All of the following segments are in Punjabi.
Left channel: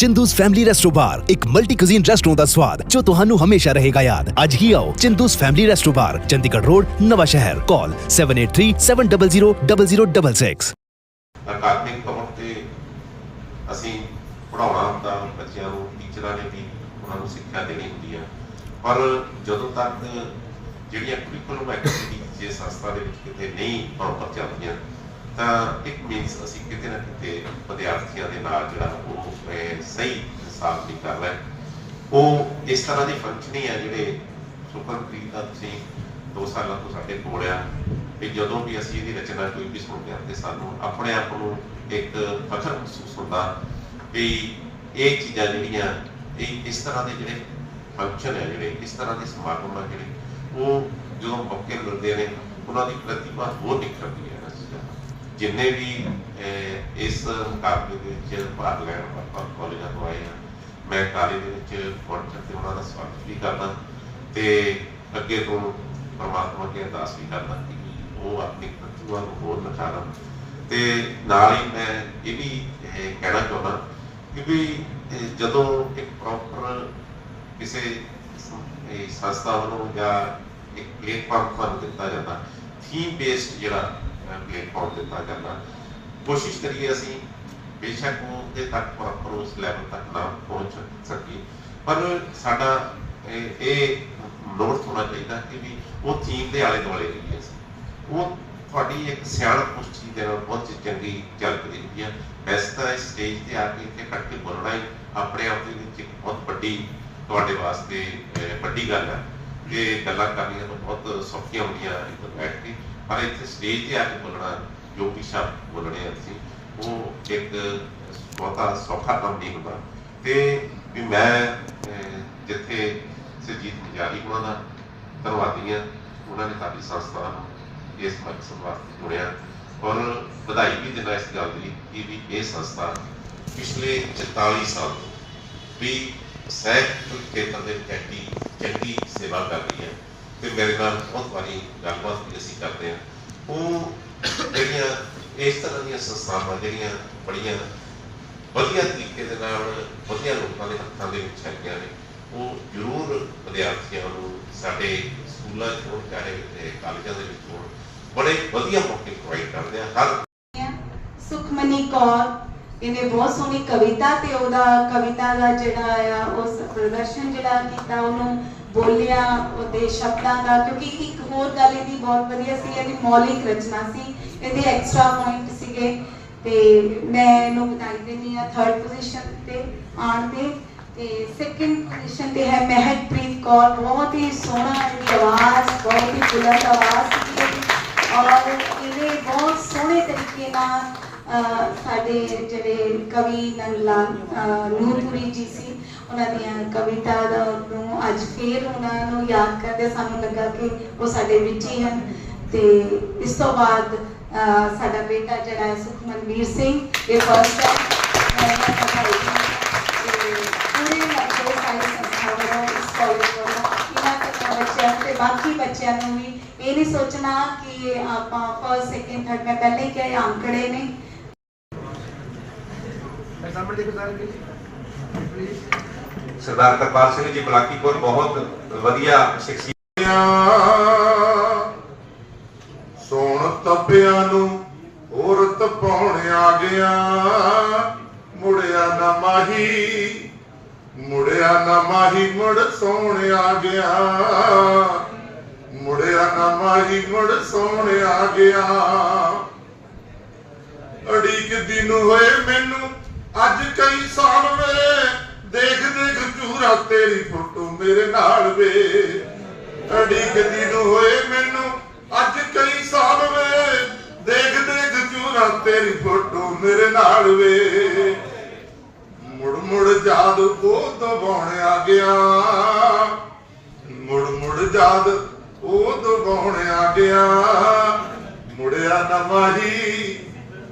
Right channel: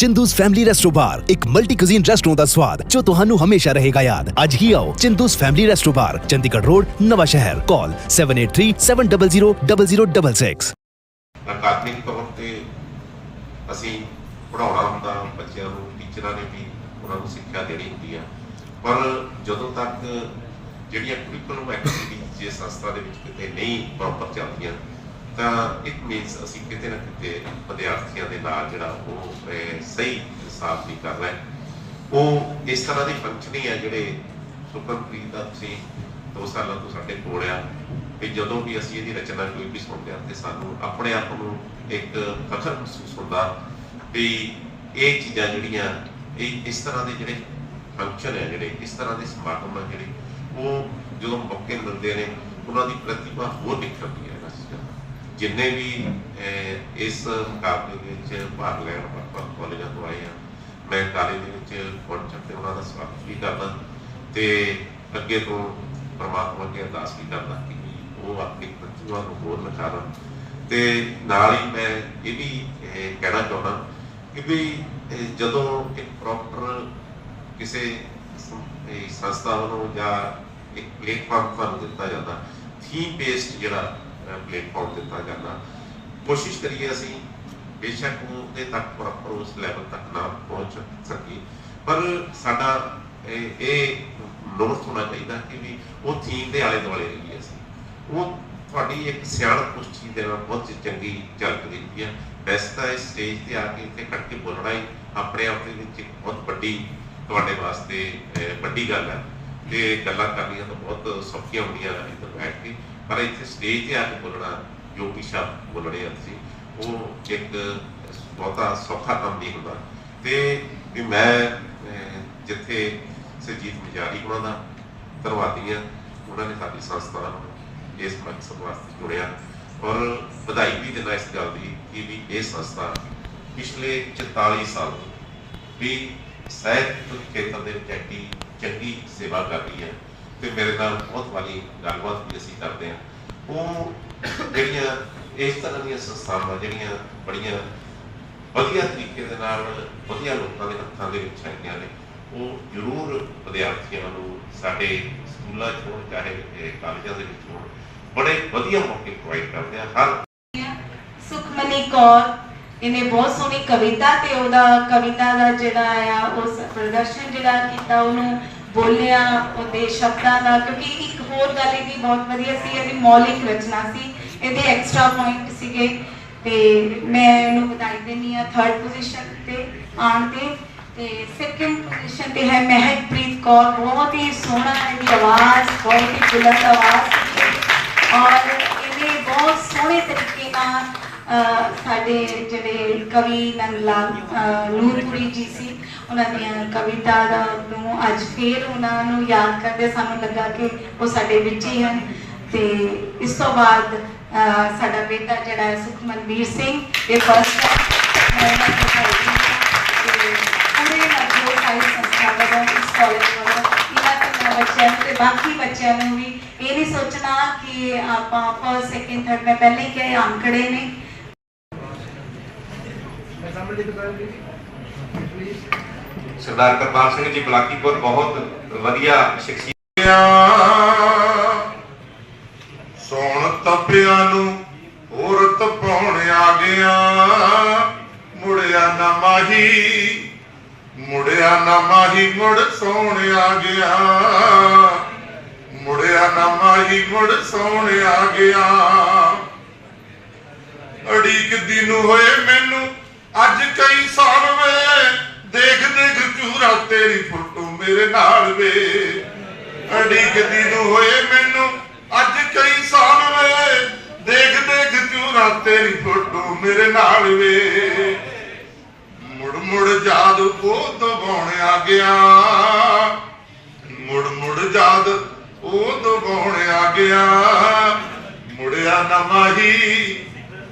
ਚਿੰਦੂਸ ਫੈਮਿਲੀ ਰੈਸਟੋ ਬਾਰ ਇੱਕ ਮਲਟੀ ਕੁਜ਼ੀਨ ਰੈਸਟੋਰੈਂਟ ਦਾ ਸਵਾਦ ਜੋ ਤੁਹਾਨੂੰ ਹਮੇਸ਼ਾ ਰਹੇਗਾ ਯਾਦ। ਅੱਜ ਹੀ ਆਓ Chindu's family resto bar Chandigarh road, Nawanshahr. Call 7837000066 ਅਕਾਦਮਿਕ ਤੌਰ ਤੇ ਅਸੀਂ ਪੜਾਉਣਾ ਹੁੰਦਾ ਬੱਚਿਆਂ ਨੂੰ ਟੀਚਰਾਂ ਨੇ ਵੀ ਉਹਨਾਂ ਨੂੰ ਸਿੱਖਿਆ ਦੇਣੀ ਹੁੰਦੀ ਆ। ਪਰ ਜਦੋਂ ਤੱਕ ਜਿਹੜੀਆਂ ਕਰਿਕੂਲਮ ਐਕਟੀਵਿਟੀਜ਼ ਜੇ ਸੰਸਥਾ ਦੇ ਵਿੱਚ ਕਿਤੇ ਨਹੀਂ ਪ੍ਰੋਪਰ ਚੱਲਦੀਆਂ ਤਾਂ ਇਟ ਮੀਨਸ ਅਸੀਂ ਕਿਤੇ ਨਾ ਕਿਤੇ ਵਿਦਿਆਰਥੀਆਂ ਦੇ ਨਾਲ ਜਿਹੜਾ ਉਹ ਸਹੀ ਹਿਸਾਬ ਨਹੀਂ ਕਰ ਰਹੇ ਉਹ ਇਸ ਤਰ੍ਹਾਂ ਦੀ ਫੰਕਸ਼ਨਿੰਗ ਹੈ ਜਿਹੜੇ ਸੁਪਰਪ੍ਰੀਤ ਦਾ ਤੁਸੀਂ ਦੋ ਸਾਲਾਂ ਤੋਂ ਸਾਡੇ ਕੋਲ ਆ ਵੀ ਜਦੋਂ ਵੀ ਅਸੀਂ ਇਹਦੀ ਰਚਨਾ ਕੋਈ ਵੀ ਸੁਣਦੇ ਹਾਂ ਤੇ ਸਾਨੂੰ ਆਪਣੇ ਆਪ ਨੂੰ ਇੱਕ ਫਖਰ ਮਹਿਸੂਸ ਹੁੰਦਾ ਵੀ ਇਹ ਚੀਜ਼ਾਂ ਜਿਹੜੀਆਂ ਇਹ ਇਸ ਤਰ੍ਹਾਂ ਦੇ ਜਿਹੜੇ ਫੰਕਸ਼ਨ ਹੈ ਜਿਹੜੇ ਇਸ ਤਰ੍ਹਾਂ ਦੇ ਸਮਾਗਮ ਆ ਜਿਹੜੇ, ਉਹ ਜਦੋਂ ਮੌਕੇ ਮਿਲਦੇ ਨੇ, ਉਹਨਾਂ ਦੀ ਪ੍ਰਤਿਭਾ ਹੋਰ ਨਿਖਰਦੀ ਹੈ। ਜਿੰਨੇ ਵੀ ਇਸ ਮੁਕਾਬਲੇ ਦੇ ਵਿੱਚ ਭਾਗ ਲੈਣ ਆਪਾਂ ਕਾਲਜਾਂ ਤੋਂ ਆਏ ਆ ਮੈਂ ਕਾਲਜ ਦੇ ਵਿੱਚ ਪਹੁੰਚ ਕੇ ਉਹਨਾਂ ਦਾ ਸਵਾਗਤ ਵੀ ਕਰਦਾ ਤੇ ਅੱਗੇ ਤੋਂ ਪਰਮਾਤਮਾ ਅੱਗੇ ਅਰਦਾਸ ਵੀ ਕਰਦਾ ਕਿ ਉਹ ਆਪਣੀ ਪ੍ਰਤਿਭਾ ਨੂੰ ਹੋਰ ਨਿਖਾਰਨ ਤੇ ਨਾਲ ਹੀ ਮੈਂ ਇਹ ਵੀ ਕਹਿਣਾ ਚਾਹੁੰਦਾ ਕਿ ਵੀ ਜਦੋਂ ਇੱਕ ਪ੍ਰੋਪਰ ਕਿਸੇ ਸੰਸਥਾ ਵੱਲੋਂ ਜਾਂ ਇੱਕ ਪਲੇਟਫਾਰਮ ਤੁਹਾਨੂੰ ਦਿੱਤਾ ਜਾਂਦਾ ਥੀਮ ਬੇਸਡ ਜਿਹੜਾ ਪਲੇਟਫਾਰਮ ਦਿੱਤਾ ਜਾਂਦਾ, ਕੋਸ਼ਿਸ਼ ਕਰੀਏ ਅਸੀਂ ਬੇਸ਼ੱਕ ਉਹ ਤੱਕ ਪ੍ਰੋਪਰ ਉਸ ਲੈਵਲ ਤੱਕ ਨਾ ਪਹੁੰਚ ਸਕੀ ਪਰ ਸਾਡਾ ਇਹ ਨੋਟ ਹੋਣਾ ਚਾਹੀਦਾ ਕਿ ਵੀ ਉਹ ਥੀਮ ਦੇ ਆਲੇ ਦੁਆਲੇ ਰਹੀਏ ਅਸੀਂ। ਉਹ ਤੁਹਾਡੀ ਇੱਕ ਸਿਆਣਪ ਉਸ ਚੀਜ਼ ਦੇ ਨਾਲ ਬਹੁਤ ਚੰਗੀ ਝਲਕ ਦਿੰਦੀ ਹੈ। ਵੈਸੇ ਤਾਂ ਸਟੇਜ ਤੇ ਆ ਕੇ ਇੱਥੇ ਕੱਟ ਕੇ ਬੋਲਣਾ ਹੀ ਆਪਣੇ ਆਪ ਦੇ ਵਿੱਚ ਇੱਕ ਬਹੁਤ ਵੱਡੀ ਤੁਹਾਡੇ ਵਾਸਤੇ ਵੱਡੀ ਗੱਲ ਹੈ। ਤੇ ਗੱਲਾਂ ਕਰਨੀਆਂ ਤਾਂ ਬਹੁਤ ਸੌਖੀਆਂ ਹੁੰਦੀਆਂ ਇੱਧਰ ਬੈਠ ਕੇ। ਪਰ ਇੱਥੇ ਸਟੇਜ ਤੇ ਆ ਕੇ ਬੋਲਣਾ ਜੋ ਵੀ ਸ਼ਬਦ ਬੋਲਣੇ ਆ ਤੁਸੀਂ, ਉਹ ਇੱਕ ਬਹੁਤਾ ਸੌਖਾ ਕੰਮ ਨਹੀਂ ਹੁੰਦਾ। ਤੇ ਵੀ ਮੈਂ ਜਿੱਥੇ ਸਰਜੀਤ ਮਜਾਰੀ ਉਹਨਾਂ ਦਾ ਧੰਨਵਾਦੀ ਹਾਂ ਉਹਨਾਂ ਨੇ ਸਾਡੀ ਸੰਸਥਾ ਇਸ ਮਕਸਦ ਵਾਸਤੇ ਜੁੜਿਆ। ਔਰ ਵਧਾਈ ਵੀ ਦਿੰਦਾ ਇਸ ਗੱਲ ਦੀ ਕਿ ਵੀ ਇਹ ਸੰਸਥਾ ਪਿਛਲੇ 44 ਸਾਲ ਤੋਂ ਵੀ ਸਾਹਿਤ ਖੇਤਰ ਦੇ ਵਿੱਚ ਚੰਗੀ ਸੇਵਾ ਕਰ ਰਹੀ ਹੈ ਤੇ ਮੇਰੇ ਨਾਲ ਬਹੁਤ ਵਾਰੀ ਗੱਲਬਾਤ ਵੀ ਅਸੀਂ ਕਰਦੇ ਹਾਂ। ਉਹ ਜਿਹੜੀਆਂ ਇਸ ਤਰ੍ਹਾਂ ਦੀਆਂ ਸੰਸਥਾਵਾਂ, ਜਿਹੜੀਆਂ ਬੜੀਆਂ ਵਧੀਆ ਤਰੀਕੇ ਦੇ ਨਾਲ ਵਧੀਆ ਲੋਕਾਂ ਦੇ ਹੱਥਾਂ ਦੇ ਵਿੱਚ ਹੈਗੀਆਂ ਨੇ, ਉਹ ਜ਼ਰੂਰ ਵਿਦਿਆਰਥੀਆਂ ਨੂੰ ਸਾਡੇ ਸਕੂਲਾਂ 'ਚ ਹੋਣ, ਚਾਹੇ ਕਾਲਜਾਂ ਦੇ ਵਿੱਚ ਹੋਣ, ਬੜੇ ਵਧੀਆ ਮੌਕੇ ਪ੍ਰੋਵਾਈਡ ਕਰਦੇ ਆ। ਹਰ ਸੁਖਮਨੀ ਕੌਰ, ਇਹਨੇ ਬਹੁਤ ਸੋਹਣੀ ਕਵਿਤਾ ਤੇ ਉਹਦਾ ਕਵਿਤਾ ਦਾ ਜਿਹੜਾ ਆ ਉਸ ਪ੍ਰਦਰਸ਼ਨ ਜਿਹੜਾ ਕੀਤਾ ਉਹਨੂੰ ਬੋਲਿਆ ਉਹਦੇ ਸ਼ਬਦਾਂ ਦਾ, ਕਿਉਂਕਿ ਇੱਕ ਹੋਰ ਗੱਲ ਇਹਦੀ ਬਹੁਤ ਵਧੀਆ ਸੀ, ਇਹਦੀ ਮੌਲਿਕ ਰਚਨਾ ਸੀ, ਇਹਦੇ ਐਕਸਟਰਾ ਪੁਆਇੰਟ ਸੀਗੇ। ਤੇ ਮੈਂ ਇਹਨੂੰ ਵਧਾਈ ਦਿੰਦੀ ਆ ਥਰਡ ਪੋਜੀਸ਼ਨ ਤੇ ਆਉਣ ਤੇ ਤੇ ਸੈਕੰਡ ਪੋਜੀਸ਼ਨ ਤੇ ਹੈ ਮਹਿਕਪ੍ਰੀਤ ਕੌਰ। ਬਹੁਤ ਹੀ ਸੋਹਣਾ ਇਹਦੀ ਆਵਾਜ਼, ਬਹੁਤ ਹੀ ਬੁਲੰਦ ਆਵਾਜ਼ ਸੀ ਔਰ ਇਹਨੇ ਬਹੁਤ ਸੋਹਣੇ ਤਰੀਕੇ ਨਾਲ ਸਾਡੇ ਜਿਹੜੇ ਕਵੀ ਨੰਦਲਾ ਨੂਰਪੁਰੀ ਜੀ ਸੀ ਉਹਨਾਂ ਦੀਆਂ ਕਵਿਤਾ ਦਾ ਨੂੰ ਅੱਜ ਫੇਰ ਉਹਨਾਂ ਨੂੰ ਯਾਦ ਕਰਦੇ ਸਾਨੂੰ ਲੱਗਾ ਕਿ ਉਹ ਸਾਡੇ ਵਿੱਚ ਹੀ ਹਨ। ਤੇ ਇਸ ਤੋਂ ਬਾਅਦ ਸਾਡਾ ਬੇਟਾ ਜਿਹੜਾ ਹੈ ਸੁਖਮਨਵੀਰ ਸਿੰਘ, ਇਹ ਫਸਟ ਹੈ ਪੂਰੇ ਜੋ ਸਾਰੀ ਸੰਸਥਾ ਵੱਲੋਂ ਇਸ ਕਾਲਜ ਵੱਲੋਂ ਬੱਚਿਆਂ ਤੇ ਬਾਕੀ ਬੱਚਿਆਂ ਨੂੰ ਵੀ ਇਹ ਨਹੀਂ ਸੋਚਣਾ ਕਿ ਆਪਾਂ ਫਸਟ ਸੈਕਿੰਡ ਥਰਡ ਮੈਂ ਪਹਿਲੇ ਹੀ। ਕਿਹਾ ਅੰਕੜੇ ਨੇ ਸਰਦਾਰ ਕਰਪਾਲ ਸਿੰਘ ਜੀ ਬਲਾਕੀਪੁਰ, ਬਹੁਤ ਵਧੀਆ ਸ਼ਖਸੀਅਤ। ਸੋਣ ਤਪਿਆਂ ਨੂੰ ਹੋਰ ਤਪਾਉਣ ਆ ਗਿਆ ਮੁੜਿਆ ਨਾ ਮਾਹੀ, ਮੁੜਿਆ ਨਾ ਮਾਹੀ ਮੁੜ ਸੋਣ ਆ ਗਿਆ। ਮੁੜਿਆ ਨਾ ਮਾਹੀ ਮੁੜ ਸੋਣ ਆ ਗਿਆ। ਅੜੀਕ ਦਿਨ ਹੋਏ ਮੈਨੂੰ ਅੱਜ ਕਈ ਸਾਲ ਵੇ ਦੇਖ ਦੇਖ ਰਾ ਤੇਰੀ ਫੋਟੋ ਮੇਰੇ ਨਾਲ ਵੇ। ਅੜੀਕ ਦਿਨ ਹੋਏ ਮੈਨੂੰ ਅੱਜ ਕਈ ਸਾਲ ਵੇ। ਦੇਖ ਦੇਖ ਚੂਰਾ ਤੇਰੀ ਫੋਟੋ ਮੇਰੇ ਨਾਲ ਵੇ। ਮੁੜ ਮੁੜ ਜਾਦ ਉਹ ਦਬਾਉਣ ਆ ਗਿਆ। ਮੁੜ ਮੁੜ ਜਾਦ ਉਹ ਦਬਾਉਣ ਆ ਗਿਆ। ਮੁੜਿਆ ਨਾ ਮਾਹੀ,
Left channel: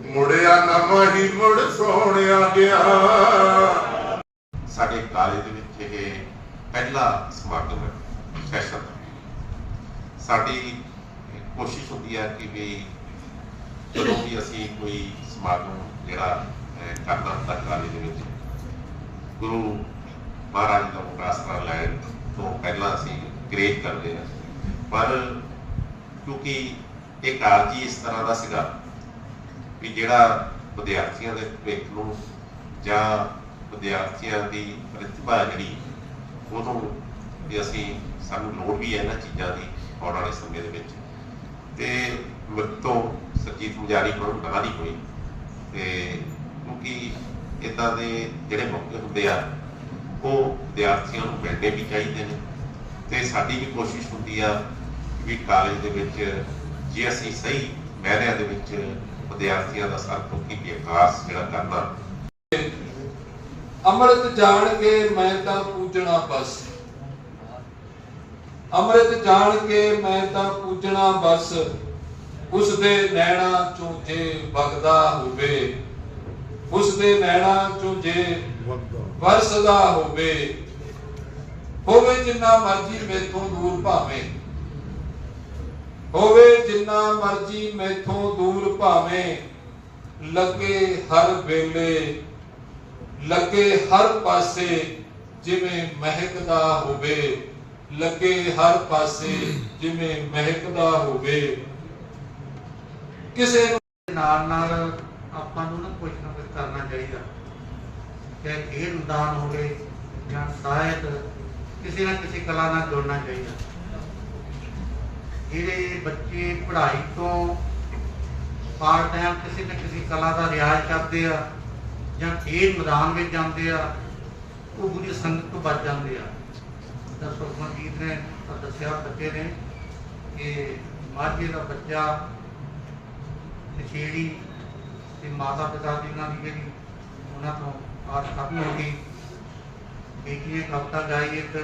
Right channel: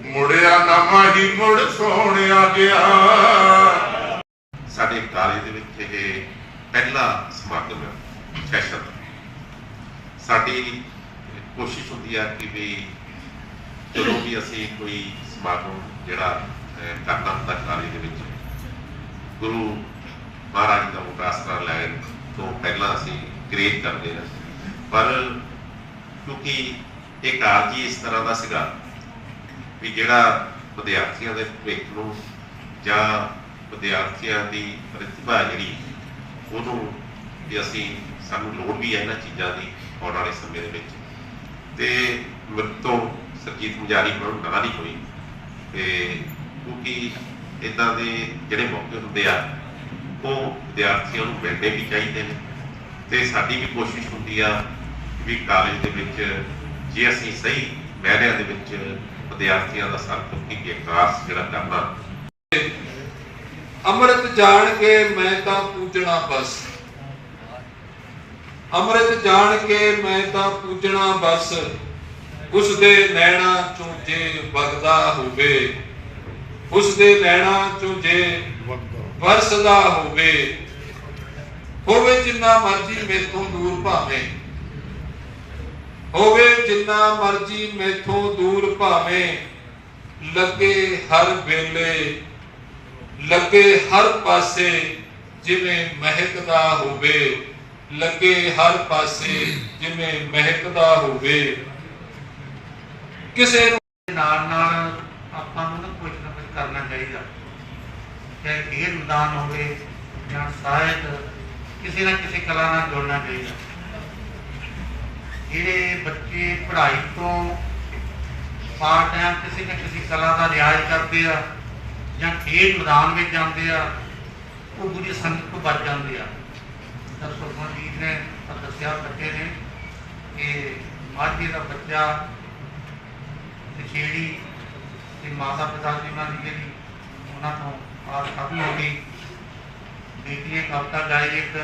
ਮੁੜਿਆ ਨਾ ਮਾਹੀ ਮੁੜ ਸੋਹਣਿਆ ਗਿਆ। ਸਾਡੇ ਕਾਲਜ ਦੇ ਵਿੱਚ ਇਹ ਪਹਿਲਾ ਸਮਾਗਮ ਹੈ ਸੈਸ਼ਨ ਸਾਡੀ ਕੋਸ਼ਿਸ਼ ਹੁੰਦੀ ਹੈ ਕਿ ਵੀ ਜਦੋਂ ਵੀ ਅਸੀਂ ਕੋਈ ਸਮਾਗਮ ਜਿਹੜਾ ਕਰਨਾ ਹੁੰਦਾ ਕਾਲਜ ਦੇ ਵਿੱਚ, ਗੁਰੂ ਮਹਾਰਾਜ ਦਾ ਮੁਕਾਸਰਾ ਲੈਣ ਤੋਂ ਪਹਿਲਾਂ ਅਸੀਂ ਕ੍ਰੀਏਟ ਕਰਦੇ ਹਾਂ। ਪਰ ਕਿਉਂਕਿ ਇਹ ਕਾਰਜ ਹੀ ਇਸ ਤਰ੍ਹਾਂ ਦਾ ਸੀਗਾ ਵੀ ਜਿਹੜਾ ਵਿਦਿਆਰਥੀਆਂ ਦੇ ਭਵਿੱਖ ਨੂੰ ਜਾਂ ਵਿਦਿਆਰਥੀਆਂ ਦੀ ਪ੍ਰਤਿਭਾ ਜਿਹੜੀ ਉਹਨੂੰ ਵੀ ਅਸੀਂ ਸਾਨੂੰ ਲੋੜ ਵੀ ਹੈ ਇਹਨਾਂ ਚੀਜ਼ਾਂ ਦੀ ਆਉਣ ਵਾਲੇ ਸਮੇਂ ਦੇ ਵਿੱਚ। ਤੇ ਮੇਰੇ ਤੋਂ ਸਰਜੀਤ ਮੁਜਾਰੀ ਨੂੰ ਨਾ ਨਹੀਂ ਹੋਈ ਤੇ ਕਿਉਂਕਿ ਇਦਾਂ ਦੇ ਜਿਹੜੇ ਮੌਕੇ ਹੁੰਦੇ ਆ, ਉਹ ਵਿਦਿਆਰਥੀਆਂ ਨੂੰ ਮਿਲਣੇ ਵੀ ਚਾਹੀਦੇ ਨੇ। ਤੇ ਸਾਡੀ ਵੀ ਕੋਸ਼ਿਸ਼ ਹੁੰਦੀ ਆ ਵੀ ਕਾਲਜ ਦੇ ਵਿੱਚ ਜੇ ਅਸੀਂ ਸਹੀ ਮਹਿਰਿਆਂ ਦੇ ਵਿੱਚ ਵਿਦਿਆਰਥੀਆਂ ਦਾ ਸਰਪੁੱਕੀ ਵਿਕਾਸ ਜਿਹੜਾ ਕਰਨਾ ਅੰਮ੍ਰਿਤ ਜਾਣ ਕੇ ਮੈਂ ਤਾਂ ਪੂਜਣਾ ਬਸ। ਅੰਮ੍ਰਿਤ ਜਾਣ ਕੇ ਮੈਂ ਤਾਂ ਪੂਜਣਾ ਬਸ। ਉਸ ਦੇ ਨੈਣਾ ਚੋਂ ਜੇ ਵਗਦਾ ਹੋਵੇ। ਉਸ ਦੇ ਨੈਣਾ ਚੋਂ ਜੇ ਵਰਸਦਾ ਹੋਵੇ। ਹੋਵੇ ਜਿੰਨਾ ਮਰਜ਼ੀ ਮੇਥੋਂ ਦੂਰ ਭਾਵੇਂ। ਹੋਵੇ ਜਿੰਨਾ ਮਰਜ਼ੀ ਮੇਥੋਂ ਦੂਰ ਭਾਵੇਂ। ਲੱਗੇ ਹਰ ਵੇਲੇ ਲੱਗੇ ਹਰ ਪਾਸੇ ਜਿਵੇਂ ਮਹਿਕਦਾ ਹੋਵੇ। ਲੱਗੇ ਹਰ ਪਾਸੇ ਜਿਵੇਂ ਮਹਿਕਦਾ ਹੋਵੇ। ਕਿਸੇ ਨਾਲ ਨਾਲ ਆਪਾਂ ਨੂੰ ਨਾ ਕੁਝ ਨਾ ਕੁਝ ਕਰਨਾ ਚਾਹੀਦਾ। ਚਾਹੇ ਖੇਡ ਮੈਦਾਨ ਹੋਵੇ ਜਾਂ ਸਾਹਿਤ, ਕਿਸੇ ਨਾ ਕਿਸੇ ਕਲਾ ਨਾਲ ਜੁੜਨਾ ਚਾਹੀਦਾ। ਜਿਹੜੇ ਬੱਚੇ ਪੜ੍ਹਾਈ ਤੋਂ ਪਾਰ ਟਾਈਮ ਕਿਸੇ ਨਾ ਕਿਸੇ ਕਲਾ ਦਾ ਰਿਆਜ਼ ਕਰਦੇ ਆ ਜਾਂ ਖੇਡ ਮੈਦਾਨ ਵਿੱਚ ਜਾਂਦੇ ਆ, ਉਹ ਬੁਰੀ ਸੰਗਤ ਤੋਂ ਬਚ ਜਾਂਦੇ ਆ। ਤਾਂ ਸੁਖਮਨ ਜੀ ਨੇ ਦੱਸਿਆ ਬੱਚੇ ਨੇ ਕਿ ਮਾਝੇ ਦਾ ਬੱਚਾ ਨਸ਼ੇੜੀ ਤੇ ਮਾਤਾ ਪਿਤਾ ਜੀ ਨਾਲ ਦੀ ਜਿਹੜੀ ਉਹਨਾਂ ਤੋਂ ਆਸ ਖਤਮ ਹੋ ਗਈ। ਬੇਟੀਆਂ ਨੇ ਕਵਿਤਾ ਗਾਈ ਇੱਕ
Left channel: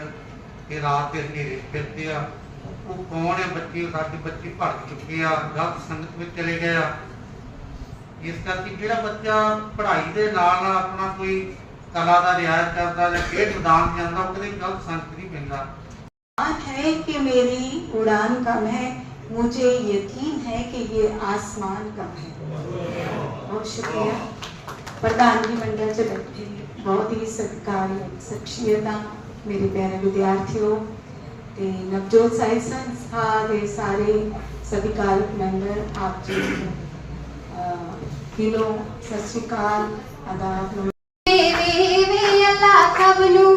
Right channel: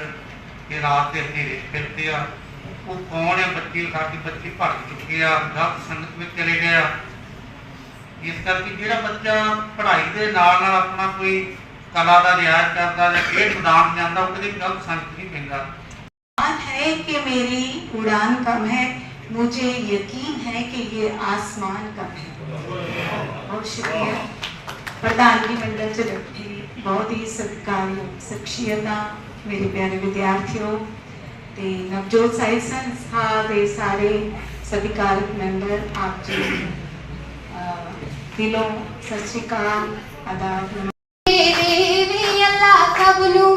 ਕਿ ਰਾਤ ਦੇ ਹਨੇਰੇ ਫਿਰਦੇ ਆ। ਉਹ ਕੌਣ ਹੈ? ਬੱਚੇ ਸਾਡੇ ਬੱਚੇ ਭਟਕ ਚੁੱਕੇ ਆ। ਗਲਤ ਸੰਗਤ ਵਿੱਚ ਚਲੇ ਗਏ ਆ। ਇਸ ਕਰਕੇ ਜਿਹੜਾ ਬੱਚਾ ਪੜ੍ਹਾਈ ਦੇ ਨਾਲ ਨਾਲ ਆਪਣਾ ਕੋਈ ਕਲਾ ਦਾ ਰਿਆਜ਼ ਕਰਦਾ ਜਾਂ ਖੇਡ ਮੈਦਾਨ ਜਾਂਦਾ ਉਹ ਕਦੇ ਗਲਤ ਸੰਗਤ ਨਹੀਂ ਪੈਂਦਾ है कि मेरी उड़ान कम है मुझे यकीन है कि ये आसमान कम है बहुत शुक्रिया प्रधानगी मंडल च बैठी बहुत ही सत्कारयोग शख्सियतां मेरे प्यारे विद्यार्थियों ਤੇ ਨਵਜੋਤ ਸਾਹਿਬ ਸੰਸਥਾ ਦੇ ਸਾਰੇ ਸਤਿਕਾਰਕ ਮੈਂਬਰ ਆਪ ਜੀ हेलो सत श्रीकाल आदाब देवी अल्लाह कबलू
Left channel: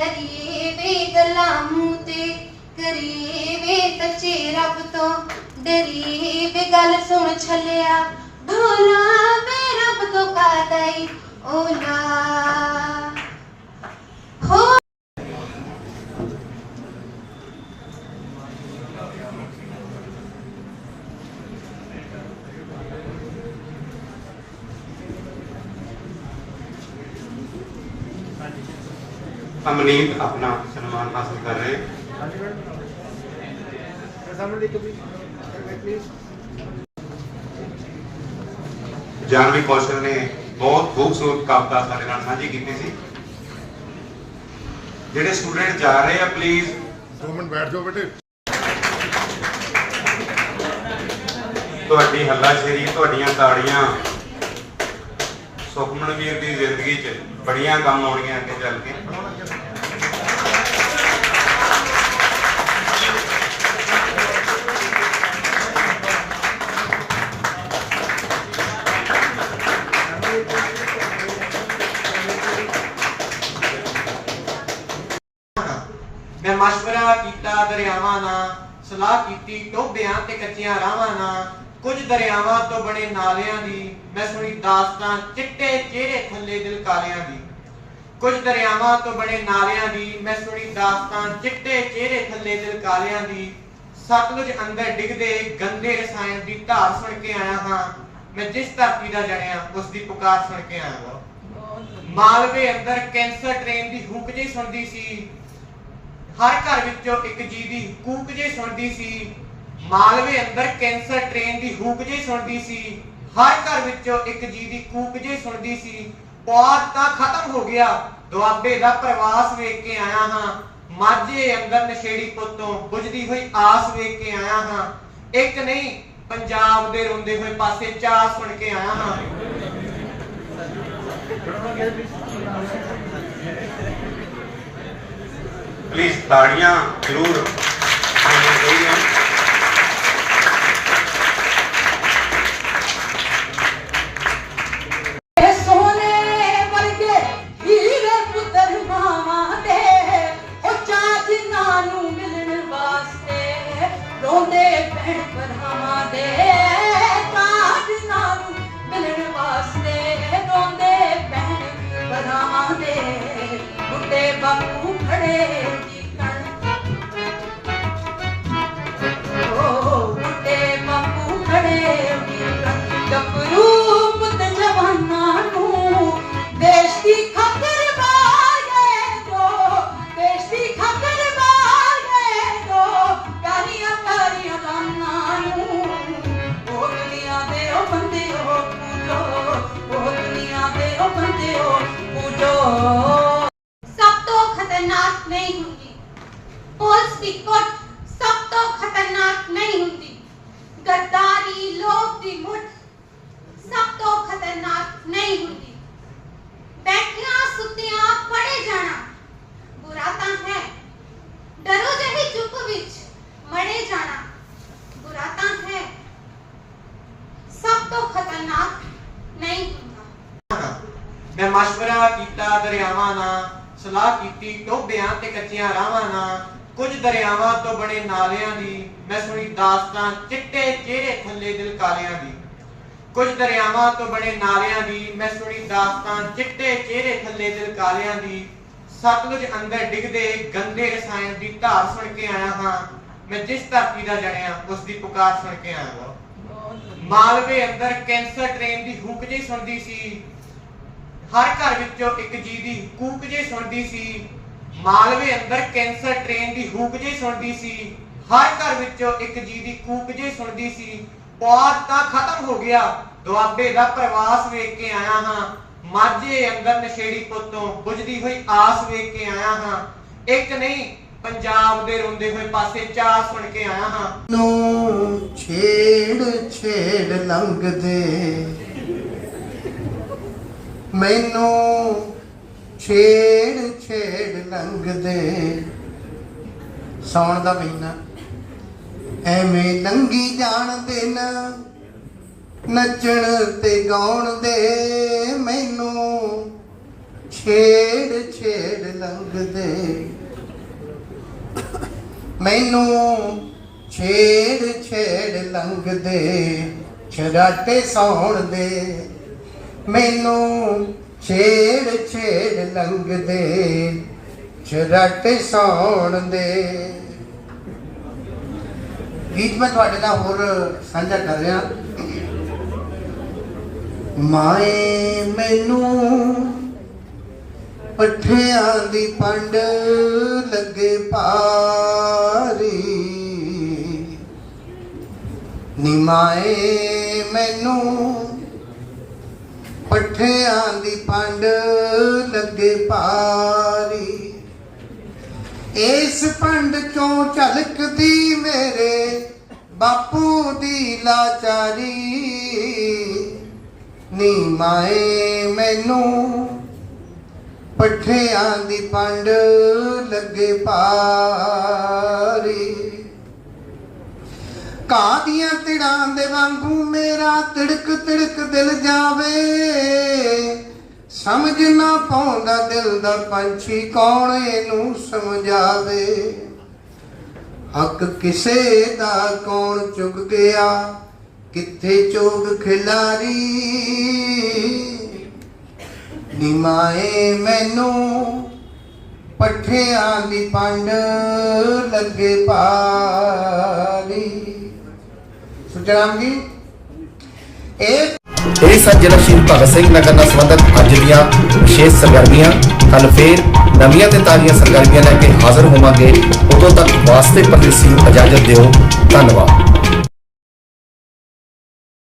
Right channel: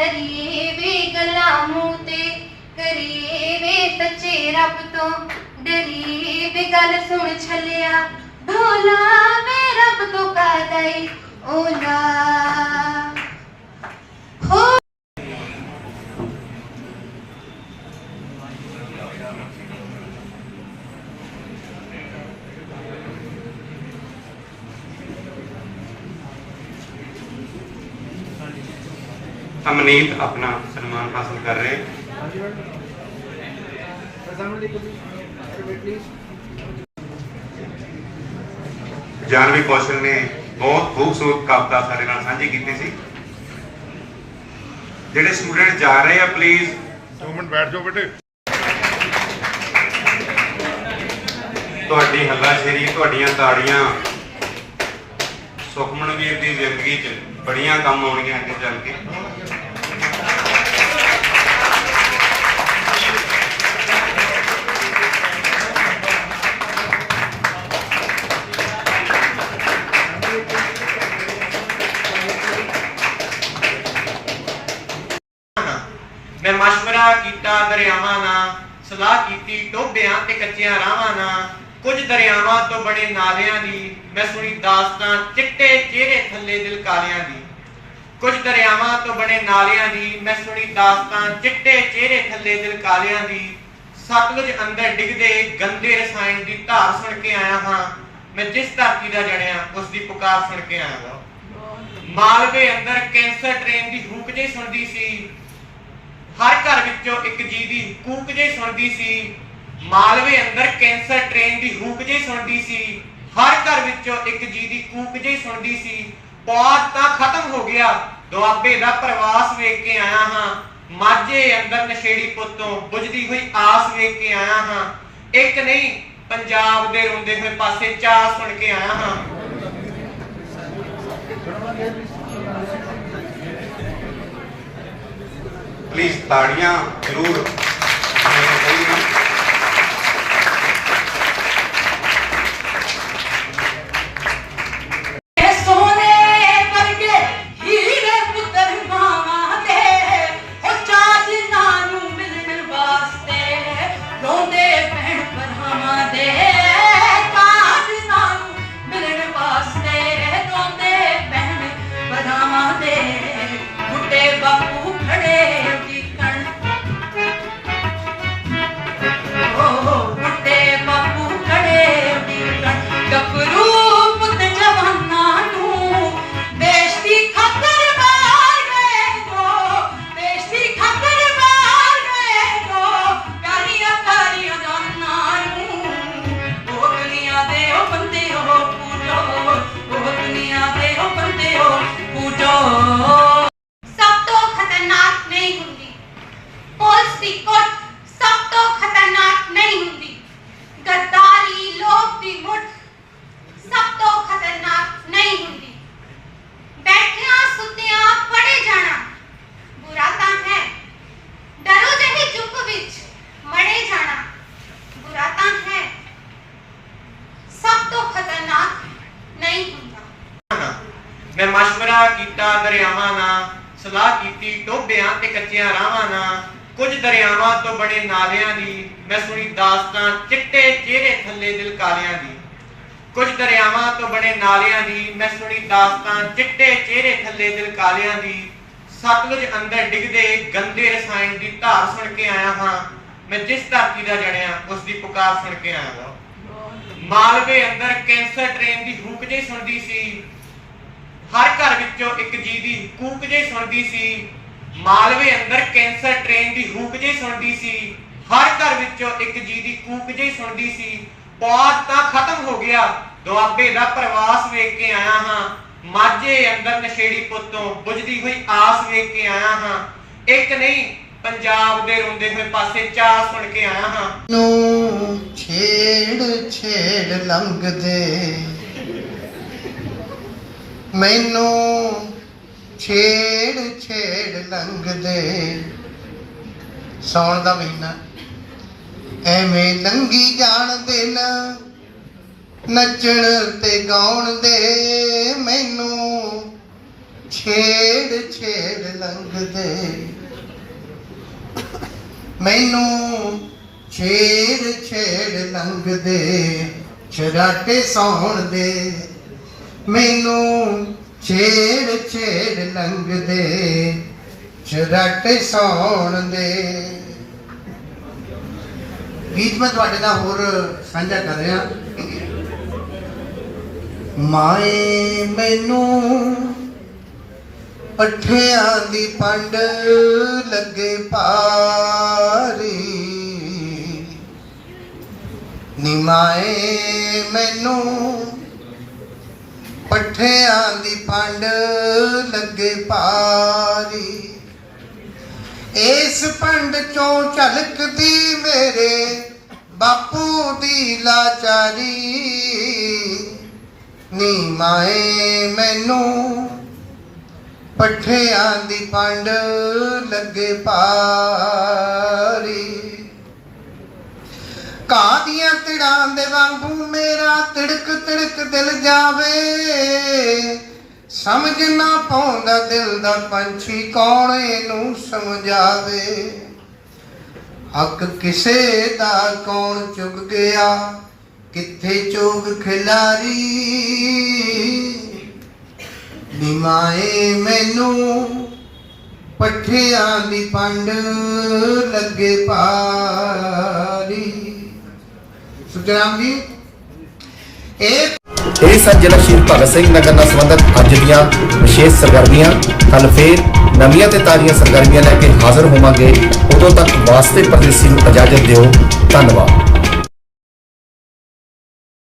ਤਰੀਏ ਵੇ ਗਲਾ ਮੂੰਹ ਤੇ, ਕਰੀਏ ਵੇ ਤਚੇ ਰੱਬ ਤੋਂ। ਡਰੀਏ ਵੇ ਗੱਲ ਸੁਣ ਛਲਿਆ ਢੋਲਾ ਮੈਂ ਰੱਬ ਤੋਂ ਕਾਦਈ ਓਲਾ ਹੋ ਅਮਨੀਤ ਆਪਣਾ ਸਨਮਾਨ ਹਾਸਲ ਕਰ ਰਹੇ। ਜਾਨਵੀ ਕੌਸ਼ਲ ਨੇ ਬਹੁਤ ਖੂਬਸੂਰਤ ਕਵਿਤਾ ਸਾਡੇ ਨਾਲ ਸਾਂਝੀ ਕੀਤੀ ਸੀ। ਜਿਹੜੇ ਸਟੂਡੈਂਟ ਜਾ ਰਹੇ ਆ ਪਲੀਜ਼ ਦੋ ਮਿੰਟ ਬੈਠ ਜਾਓ ਬੇਟੇ। ਤੁਹਾਡੀ ਹੱਲਾਸ਼ੇਰੀ ਤੁਹਾਡੀਆਂ ਤਾੜੀਆਂ ਸੁਖਮਨ ਵੀਰ ਦੀ ਜ਼ਿੰਦਗੀ 'ਚ ਬੜੀਆਂ ਕੰਮ ਆਉਣੀਆਂ ਅੱਗੇ ਚੱਲ ਕੇ। ਮੈਂ ਕੀਤਾ ਦਰਿਆਵਾਂ ਨਾਲ, ਸਲਾਹ ਕੀਤੀ ਟੋਬਿਆਂ ਤੇ ਕੱਚਿਆਂ ਰਾਵਾਂ ਨਾਲ। ਕੁਝ ਦਰਿਆਵਾਂ ਤੋਂ ਬਣੇ ਨਾਲਿਆਂ ਦੀ, ਮੈਂ ਸੁਣੀ ਦਾਸਤਾਂ ਚਿੱਟੇ ਚਿਹਰੇ ਥੱਲੇ ਦਿਲ ਕਾਲਿਆਂ ਦੀ। ਕੁਝ ਦਰਿਆਵਾਂ ਤੋਂ ਬਣੇ ਨਾਲਿਆਂ ਦੀ, ਮੈਂ ਸੁਣੀ ਦਾਸਤਾਂ ਚਿੱਟੇ ਚਿਹਰੇ ਥੱਲੇ ਦਿਲ ਕਾਲਿਆਂ ਦੀ। ਸਤਲੁਜ ਅੰਦਰ ਡਿੱਗਦੇ ਗੰਦੇ ਰਸਾਇਣ ਦੀ ਧਾਰ ਸੁਣ ਕੇ ਆਇਆ ਹਾਂ। ਮੈਂ ਜਿਸ ਧਰਤੀ ਦਾ ਜਣਿਆ, ਉਸ ਦੀ ਪੁਕਾਰ ਸੁਣ ਕੇ ਆਇਆ ਹਾਂ। ਮਾਲਵੇ ਅੰਦਰ ਕੈਂਸਰ ਟ੍ਰੇਨ ਦੀ ਹੂਕ ਜਿਹੀ ਸੁਣਦੀ ਸੀ। ਹਰ ਘਰ ਵਿੱਚੋਂ ਇੱਕ ਜੀ ਦੀ ਕੂਕ ਜਿਹੀ ਸੁਣਦੀ ਸੀ। ਮਾਲਵੇ ਅੰਦਰ ਕੈਂਸਰ ਟ੍ਰੇਨ ਦੀ ਹੂਕ ਜਿਹੀ ਸੁਣਦੀ ਸੀ। ਹਰ ਘਰ ਵਿੱਚੋਂ ਇੱਕ ਜੀ ਦੀ ਕੂਕ ਜਿਹੀ ਸੁਣਦੀ ਸੀ। ਪੌਦ ਤਾਂ ਖਤਮ ਹੋ ਗਿਆ। ਦੁਆਬੇ ਦਾ ਪ੍ਰਵਾਸ ਵੇਖ ਕੇ ਆਇਆ ਹਾਂ। ਮਾਝੇ ਅੰਦਰ ਨਸ਼ੇੜੀ ਪੁੱਤੋਂ ਬੁਝਦੀ ਹੋਈ ਆਸ ਵੇਖ ਕੇ ਆਇਆ ਹਾਂ। ਇੱਕ ਨਹੀਂ, ਪੰਜਾਬ ਦੇ ਰੋਂਦੇ ਹੋਏ ਪਾਸੇ ਚਾਰ ਸੁਣ ਕੇ ਆਇਆ ਹਾਂ। ਪਲੀਜ਼ ਤਾੜੀਆਂ ਜ਼ਰੂਰ ਹੋਣੀਆਂ ਦਰਿਆਵਾਂ ਨਾਲ ਸਲਾਹ ਕੀਤੀ ਟੋਬਿਆਂ ਤੇ ਕੱਚਿਆਂ ਰਾਵਾਂ ਨਾਲ। ਕੁਝ ਦਰਿਆਵਾਂ ਤੋਂ ਬਣੇ ਨਾਲਿਆਂ ਦੀ ਮੈਂ ਸੁਣੀ ਦਾਸਤਾਂ ਚਿੱਟੇ ਚਿਹਰੇ ਥੱਲੇ ਦਿਲ ਕਾਲਿਆਂ ਦੀ। ਕੁਝ ਦਰਿਆਵਾਂ ਤੋਂ ਬਣੇ ਨਾਲਿਆਂ ਦੀ ਮੈਂ ਸੁਣੀ ਦਾਸਤਾਂ ਚਿੱਟੇ ਚਿਹਰੇ ਥੱਲੇ ਦਿਲ ਕਾਲਿਆਂ ਦੀ। ਸਤਲੁਜ ਅੰਦਰ ਡਿੱਗਦੇ ਗੰਦੇ ਰਸਾਇਣ ਦੀ ਧਾਰ ਸੁਣ ਕੇ ਆਇਆ ਹਾਂ। ਮੈਂ ਜਿਸ ਧਰਤੀ ਦਾ ਜਣਿਆ, ਉਸ ਦੀ ਪੁਕਾਰ ਸੁਣ ਕੇ ਆਇਆ ਹਾਂ। ਮਾਲਵੇ ਅੰਦਰ ਕੈਂਸਰ ਟ੍ਰੇਨ ਦੀ ਹੂਕ ਜਿਹੀ ਸੁਣਦੀ ਸੀ। ਹਰ ਘਰ ਵਿੱਚੋਂ ਇੱਕ ਜੀ ਦੀ ਕੂਕ ਜਿਹੀ ਸੁਣਦੀ ਸੀ। ਮਾਲਵੇ ਅੰਦਰ ਕੈਂਸਰ ਟ੍ਰੇਨ ਦੀ ਹੂਕ ਜਿਹੀ ਸੁਣਦੀ ਸੀ। ਹਰ ਘਰ ਵਿੱਚੋਂ ਇੱਕ ਜੀ ਦੀ ਕੂਕ ਜਿਹੀ ਸੁਣਦੀ ਸੀ। ਪੌਦ ਤਾਂ ਖਤਮ ਹੋ ਗਿਆ। ਦੁਆਬੇ ਦਾ ਪ੍ਰਵਾਸ ਵੇਖ ਕੇ ਆਇਆ ਹਾਂ। ਮਾਝੇ ਅੰਦਰ ਨਸ਼ੇੜੀ ਪੁੱਤੋਂ ਬੁਝਦੀ ਹੋਈ ਆਸ ਵੇਖ ਕੇ ਆਇਆ ਹਾਂ। ਇੱਕ ਨਹੀਂ, ਪੰਜਾਬ ਦੇ ਰੋਂਦੇ ਹੋਏ ਪਾਸੇ ਚਾਰ ਸੁਣ ਕੇ ਆਇਆ ਹਾਂ। ਨੂੰ ਛੇੜ ਛੇੜ ਲੰਘਦੇ। ਮੈਨੂੰ ਛੇੜ ਛੇੜ ਲੰਘਦੇ। ਸੌਣ ਦਾ ਮਹੀਨਾ। ਐਵੇਂ ਲੰਗੀ ਜਾਣਦੇ ਨਾ, ਨੱਚਣ ਤੇ ਗਾਉਣ ਦੇ। ਮੈਨੂੰ ਛੇੜ ਛੇੜ ਲੰਘਦੇ। ਮੈਨੂੰ ਛੇੜ ਛੇੜ ਲੰਘਦੇ। ਛਰਾਟੇ ਸੌਣ ਦੇ। ਮੈਨੂੰ ਛੇੜ ਛੇੜ ਲੰਘਦੇ, ਛਰਾਟੇ ਸੌਣ ਦੇ। ਗੀਤ ਮੈਂ ਤੁਹਾਡੇ ਨਾਲ ਹੋਰ ਸਾਂਝਾ ਕਰ ਰਿਹਾ। ਮਾਏ ਮੈਨੂੰ ਪੱਠਿਆਂ ਦੀ ਪੰਡ ਲੱਗੇ ਭਾਰੀ। ਨਿਮਾਏ ਮੈਨੂੰ ਪੱਠਿਆਂ ਦੀ ਪੰਡ ਲੱਗੇ ਭਾਰੀ। ਇਸ ਪੰਡ ਚੋਂ ਝਲਕਦੀ ਮੇਰੇ ਬਾਪੂ ਦੀ ਲਾਚਾਰੀ। ਨੀ ਮਾਏ ਮੈਨੂੰ ਪੱਠਿਆਂ ਦੀ ਪੰਡ ਲੱਗੇ ਪਾਰੀ ਘਾਹ ਦੀਆਂ ਤਿੜਾਂ ਦੇ ਵਾਂਗੂ ਮੇਰਾ ਤਿੜਕ ਤਿੜਕ ਦਿਲ ਜਾਵੇ। ਸਮਝ ਨਾ ਪਾਉਂਦਾ ਦਿਲ ਦਾ ਪੰਛੀ ਕੌਣ ਇਹਨੂੰ ਸਮਝਾਵੇ। ਹੱਕ ਕਿਸੇ ਦਾ ਕੌਣ ਚੁੱਕ ਗਿਆ, ਕਿੱਥੇ ਚੋਗ ਖਿਲਾਰੀ। ਨਿਮਾਏ ਮੈਨੂੰ ਪੱਠਿਆਂ ਦੀ ਪੰਡ ਲੱਗੇ ਪਾਰੀ ਸੁਖਰਾਮ ਜੀ, ਇਹ ਇਹ ਸਨ ਜ਼ਿਲ੍ਹਾ ਸ਼ਹੀਦ ਭਗਤ ਸਿੰਘ ਨਗਰ ਨਾਲ ਸੰਬੰਧਿਤ ਅੱਜ ਦੀਆਂ ਵਿਸ਼ੇਸ਼ ਸਰਗਰਮੀਆਂ। ਕੱਲ ਫੇਰ ਨਵੀਆਂ ਤੇ ਤਾਜ਼ੀਆਂ ਸਰਗਰਮੀਆਂ ਲੈ ਕੇ ਹਾਜ਼ਰ ਹੋਵਾਂਗੇ। ਉਦੋਂ ਤੱਕ ਵਾਸਤੇ ਪਰਦੇਸੀ ਨੂੰ ਇਜਾਜ਼ਤ ਦਿਓ। ਧੰਨਵਾਦ।